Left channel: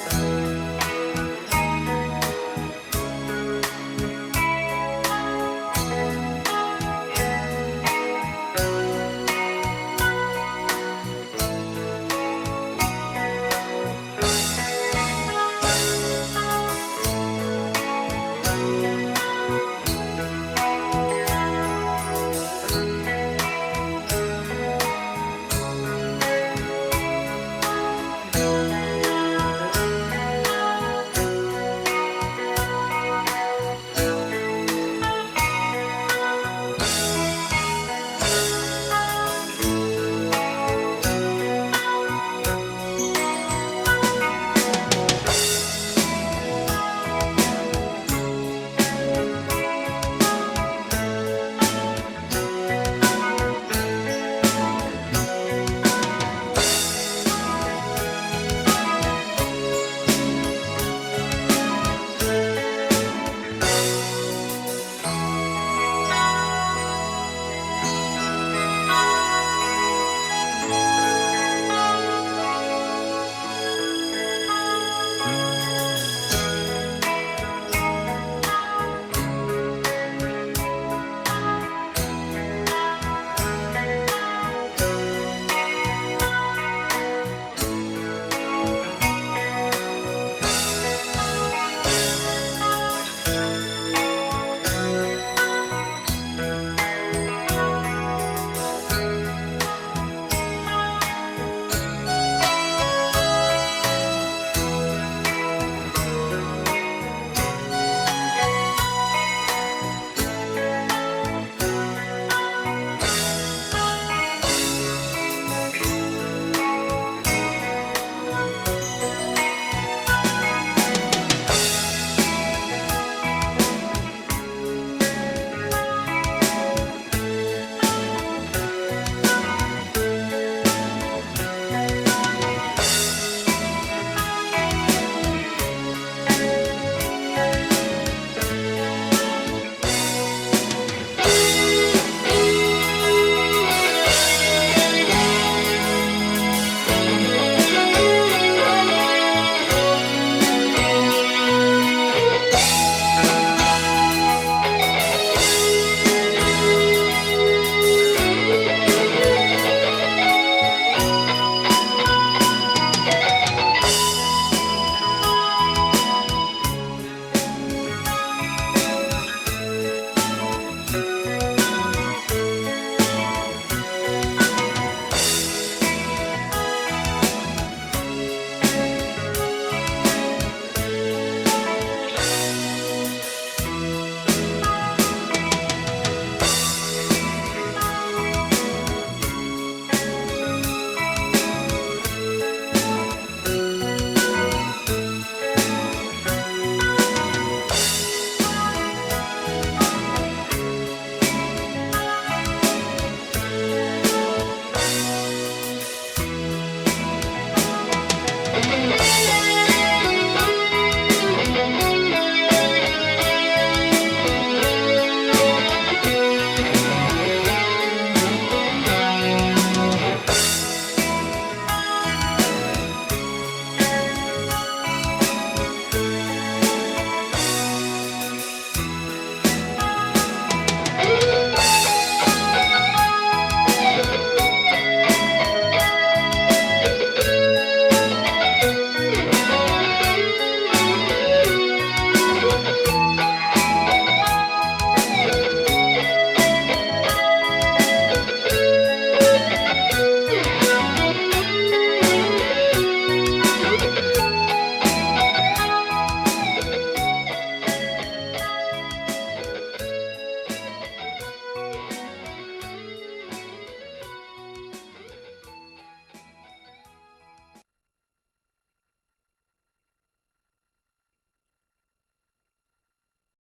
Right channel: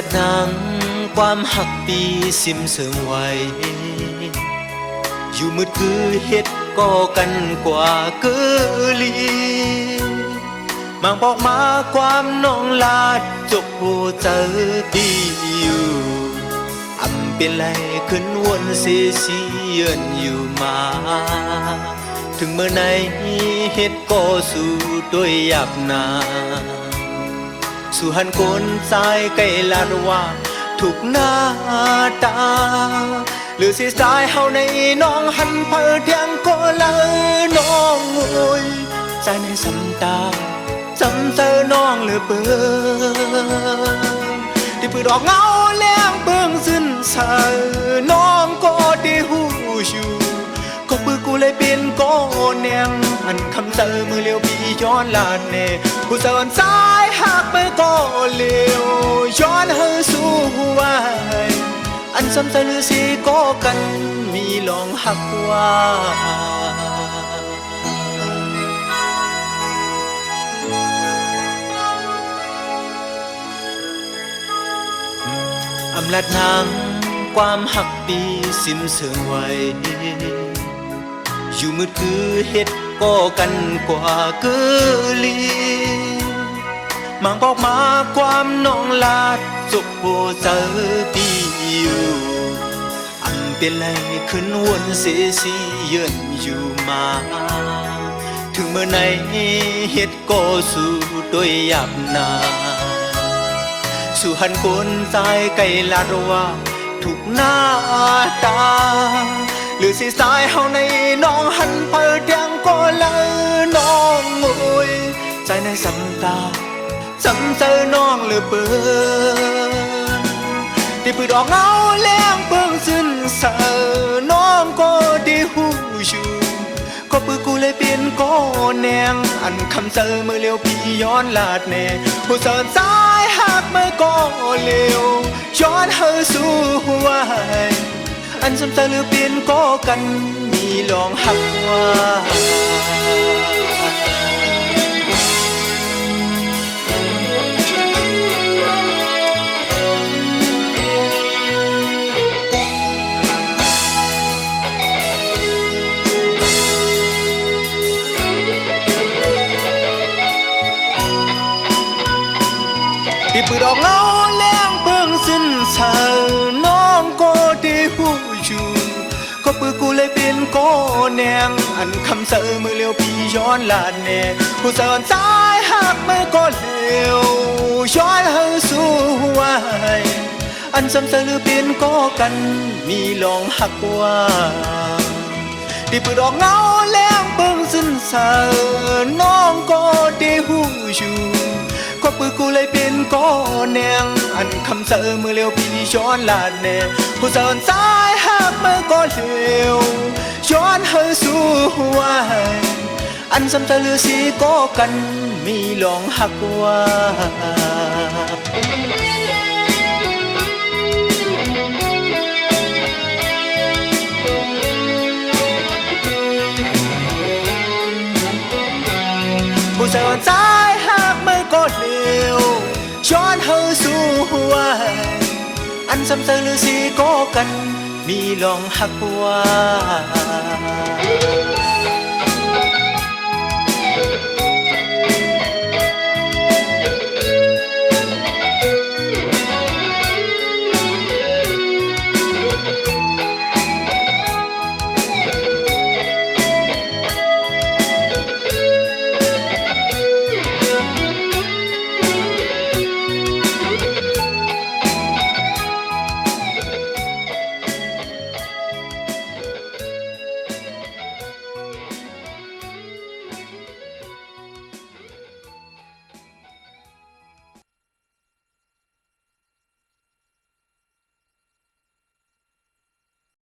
และทางความหักปีซิมเสริมไว้อยู่มืดคือเฮ็ดก็กันกว่าเกือลีมาบอกมาความน้องลาดจกโอเจอปีอยู่อำเป็นไรขึ้นวนเสียเยือนอยู่มาถึงเมื่อไหนเฮ็ดก็สู้ด้วยหยาบนาสู่หันคนสายใกล้ลาดว่าถูกหน้าตาหรือสิสายเฮาในน้องหันเพิดเพียงก็เลยน้องโวยใจในสันตาจำเจอน้องหรือเปล่าที่เปิดออกเงาเลี้ยงเบิ่งสิ้นสายน้องก็ได้หูอยู่ก็ปือกูเลยเป็นก้อนแนมอันคำเจอมือเลี้ยวพี่ย้อนลานเน่ผู้สาวสายหักไปก็เลี้ยวย้อนเฮาสู่ไว้อันสำใจหรือสิก็กันมีลองหักว่าอำลาดน้ำความหักปีสิ้นเสื่อมไว้อยู่มืดคือเฮ็ดก็กันกว่าเกือลีมังบอกมาความน้องลาดจกโบเจอปีอยู่อันเป็นไรขึ้นวนเสียสิเยือนอยู่มาถึงเมื่อไหนเฮ็ดก็สู้ด้วยหยาบนาสู่หันคนสายไกลลาดว่าถูกหน้าตาหรือสิสายเฮาในน้องหันเปิดยังก็เลยน้องโวยใจในสันตาจำเจอน้องหรือเปล่าที่ปืนออกเอาเลี้ยงเบิ่งสิ้นเสอน้องก็ได้หูอยู่ก็ปืนกูเลยเป็นก้อนแนงอันคำเจอเมื่อเลี้ยวพี่ย้อนลาดแน่ผู้สาวสายหักไม่ก็เลี้ยวย้อนเฮาสู่หัวอันสำใจหรือเปลี่ยนก็กันมีลองหักว่าที่ปืนออกเงาเลี้ยงเบิ่งสิ้นเสอน้องก็ได้หูอยู่ก็ปืนกูเลยเป็นก้อนแนงอันคำเจอเมื่อเลี้ยวพี่ย้อนลาดแน่ผู้สาวสายหักไม่ก็เลี้ยวย้อนเฮาสู่หัวอันสำเจอหรือเป็นก็กันมีลองหักว่าที่ปืนออกเงาเลี้ยงเบิ่งสิ้นเสอน้องก็ได้หูอยู่ก็ปืนกูเลยเป็นก้อนแนงอันคำเจอเมื่อเลี้ยวพี่ย้อนลาดแน่ผู้สาวสายหักไม่ก็เลี้ยวย้อนเฮาสู่หัวอันสำเจอหรือสิก็กันมีลองหักว่าผู้สาวสายหักไม่ก็เลี้ยวย้อนเฮาสู่หัวอันสำเจอหรือสิก็กันมีลองหัก